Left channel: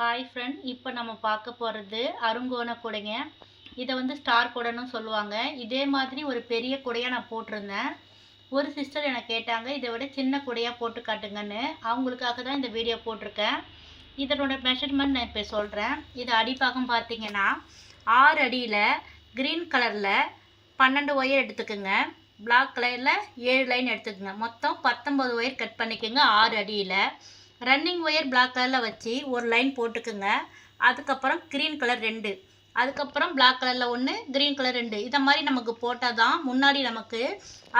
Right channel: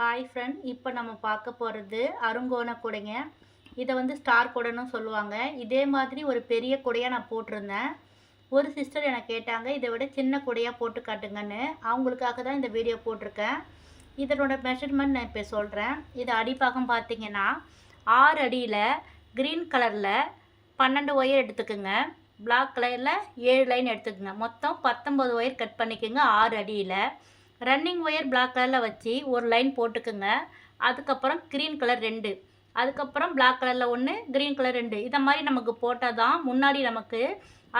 Hi friend, இப்போ நம்ம பார்க்க போகிறது அருங்கோண குடைங்க. இதை ஸ்டார் குடைன்னு சொல்லுவாங்க. இதே மாதிரி ஒரு பெரிய குடையாக நான் போட்டிருந்தேன். ஒரு சிஸ்டர் எனக்கு கேட்டாங்க, இதை விட சின்ன குடையாக போட்டு காட்டுங்கன்னு. அவங்களுக்காக தான் இந்த வீடியோ போட்டிருக்கேன். இதனோட மெஷர்மெண்ட் நான் இப்போ சொல்கிறேன். இது அடிப்பாகம் பார்த்தீங்கன்னா 6 அடியில் க்ரீன் கலரில் 12 ஒயர் எடுத்துக்குங்க. பிளாக் கலரில் 7 லைன் எடுத்துக்கோங்க. மொத்தம் 19 ஒயர் கட் பண்ணிக்கோங்க 6 அடியில். ரன்னிங் ஒயர் பிளாக் கலரில் வச்சு ஒரு லைன் போட்டுக்குங்க. அதுக்கப்புறம் க்ரீன் கலர் 2, அதுக்கப்புறம் பிளாக் கலரில் 1, க்ரீன் கலர் 2. இதை மாதிரி நமக்கு போட்டால் தான் முன்னாடி நமக்கு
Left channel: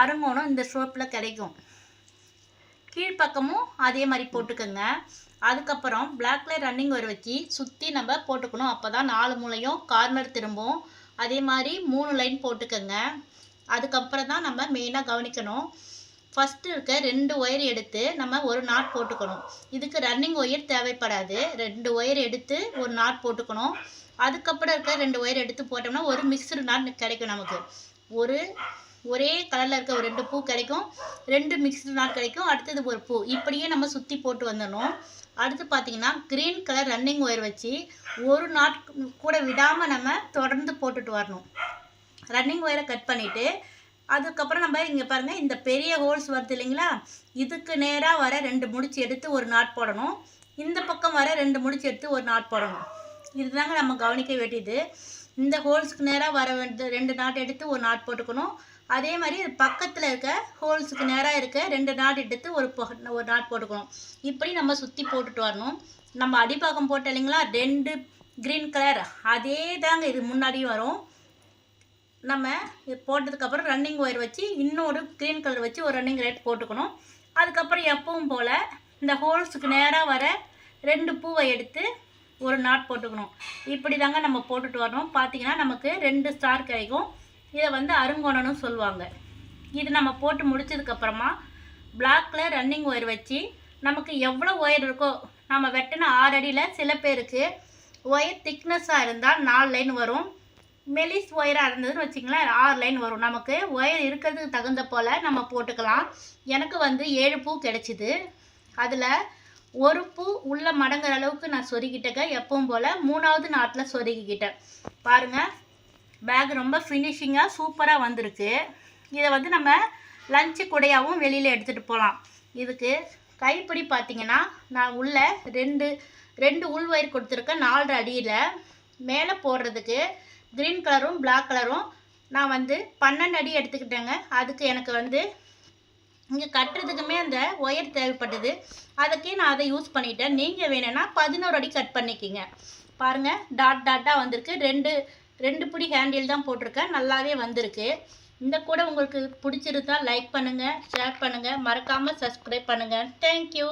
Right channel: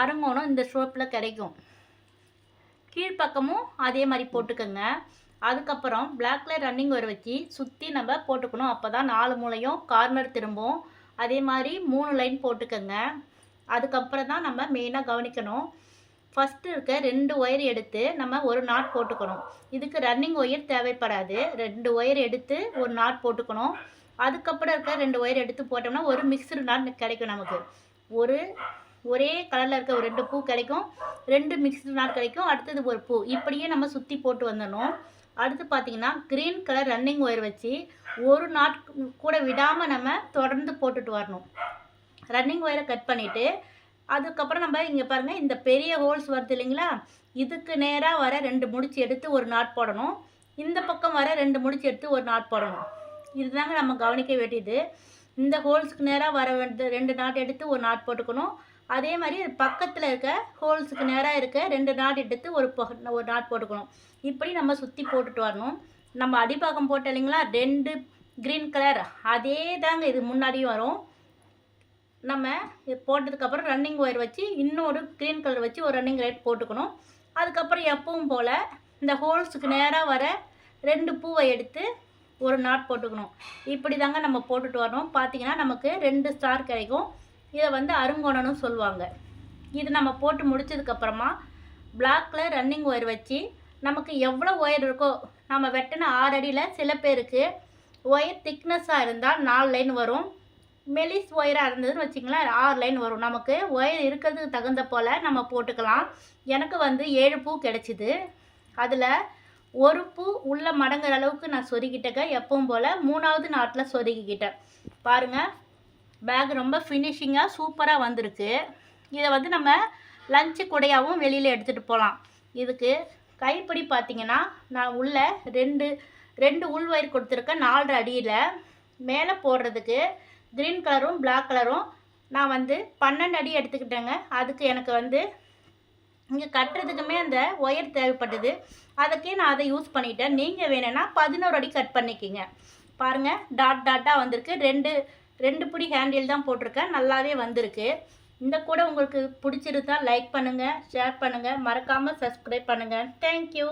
அருங்கோணம் இந்த ஷேப்பில் கிடைக்கும். கீழ்ப்பக்கமும் அதே மாதிரி போட்டுக்கோங்க. அதுக்கப்புறம் பிளாக் கலர் ரன்னிங் ஒயர் வச்சு சுற்றி நம்ம போட்டுக்கணும். அப்போ தான் 4 மூலையும் கார்னர் திரும்பும். அதே மாதிரி 3 லைன் போட்டுக்கோங்க. அதுக்கப்புறம் தான் நம்ம மெயினாக கவனிக்கணும். ஃபஸ்ட்டு இருக்க 2 ஒயர் எடுத்து நம்ம ஒரு நாட் போட்டுக்கணும். இதுக்கு ரன்னிங் ஒயர் தேவைப்படாது. 2 ஒயர் எடுத்து ஒரு நாட் போட்டுக்கணும். அதுக்கப்புறம் இருக்க 2 ஒயர் எடுத்து போட்டோம்னா ஒரு மிக்சடு நாட் கிடைக்கும். நமக்கு ஒரே கலரில் இருக்க ஒரு 2 பூ கிடைக்கும். 2 மிக்சடு நாட் கிடைக்கும். அடுத்தது ஒரு பூ. இப்படியே நம்ம சுற்றி போட்டு வந்துடணும். அடுத்து பார்த்தீங்கன்னா க்ரீன் கலர் ரன்னிங் ஒயர் வச்சு ஒரு நாட் கூட விடாமல் நம்ம தொடர்ந்து போட்டுட்டு வரணும். ரன்னிங் ஒயரை கட் பண்ணிவிட்டு அதுக்கப்புறம் நம்ம இங்கே பாருங்கள், இந்த பெரிய ஹோல்ஸ் வருது இல்லைங்களா, இதுக்கு நேராக வர 2 முடிச்சு எடுத்து ஒரு நாட் போடணும். இந்த பக்கம் வர 2 முடிச்சு எடுத்து ஒரு நாட் போடணும். இதுதாங்க நம்ம கவனிக்க வேண்டியது. இந்த ஹோல்ஸுக்கு நேராக வர 2 நாட் எடுத்து ஒரு நாட் போட்டுக்கணும். அதே மாதிரி பக்கத்தில் இருக்க ஹோல்ஸுக்கு நேராக இருக்க 2 நாட் எடுத்து ஒரு நாட் போட்டுக்கணும். இப்படி நம்ம சுற்றி போட்டுட்டு வரணும். நம்ம அடிப்பாகம் போட்ட இல்லைங்களா 2 க்ரீன் கலர், அதே தாங்க இது முன்னாடியும் வரும். நம்ம இது போட்டதுக்கப்புறம் ரன்னிங் ஒயர் வச்சு இன்னொரு க்ரீன் கலர் வச்சு ஒரு ரன்னிங் ரேட் போட்டுக்கணும். அதுக்கப்புறம் எப்பவும் போல் இந்த ஹோல்ஸுக்கு நேராக வர 2 பூவை எடுத்து ஒரு நாட் போட்டுக்கணும். இப்படி தாங்க நம்ம போட்டுட்டு வரணும். பார்த்திங்கன்னா நமக்கு 2 ஸ்டார் கிடைக்கும். இதை அருங்கோணம்னு சொல்லுவாங்க. இது நம்ம போட்டு முடிச்சதுக்கப்புறமா பிளாக் கலர் ரன்னிங் ஒயர் வச்சு நமக்கு எவ்வளோ ஒயர் இருக்கோ, நம்ம வெட்டின 6 அடியில் சில பேருக்கு ஒயர் திக்னஸாக இருந்தால் 4 லைன் வரும். மெலிஸ் ஒயராக இருந்ததுன்னு வச்சிங்களேன் 6 லைன் வரும். நமக்கு ஒயர் இருக்கிறதுக்கு தகுந்த போல் நம்ம போட்டுக்கலாம். எனக்கு 7 பூ கிடச்சிது. அதில் ஒரு பூ உள்ள மடங்குற அளவுக்கு நான் சொருகிட்டேங்க. எப்பவும் போல் 3வது நாட்டில் சொருகிக்கிட்டேன். பாருங்கள், பேக் ரொம்ப ஃபினிஷிங்காக சூப்பராக வந்திருக்கு. இதை நம்ம லஞ்சு குடையாகவும் வெளியில் எடுத்துகிட்டு போகலாம். இதுக்கு கைப்பிடி பார்த்திங்கன்னா நான் உள்ள 2 உள் ஒயர் கொடுத்துருக்கேன் 4 அடியில். மேலே போடுறதுக்கு க்ரீன் கலரும் பிளாக் கலரும் நான் 12 அடி எடுத்துக்கிட்டேங்க. அதுக்கு எனக்கு இங்கே கட்டுறதுக்குமே அந்த ஒயர் தேவைப்பட்டது. அதுக்கே நான் அதை யூஸ் பண்ணிட்டேன். நீங்கள் வேணும்னா 11 அடி கட் பண்ணிக்கிங்க. பாருங்கள், டாட்டாக வந்திருக்கு. 2 பிடி ஹேண்டில் தான் போட்டிருக்கேன். நல்லாவே வந்திருக்கு. இந்த கூட உங்களுக்கு பிடிச்சிருந்தா லைக் பண்ணுங்கள், ஷேர் பண்ணுங்கள், மறக்காமல் சப்ஸ்கிரைப் பண்ணுங்கள். தேங்க்யூ.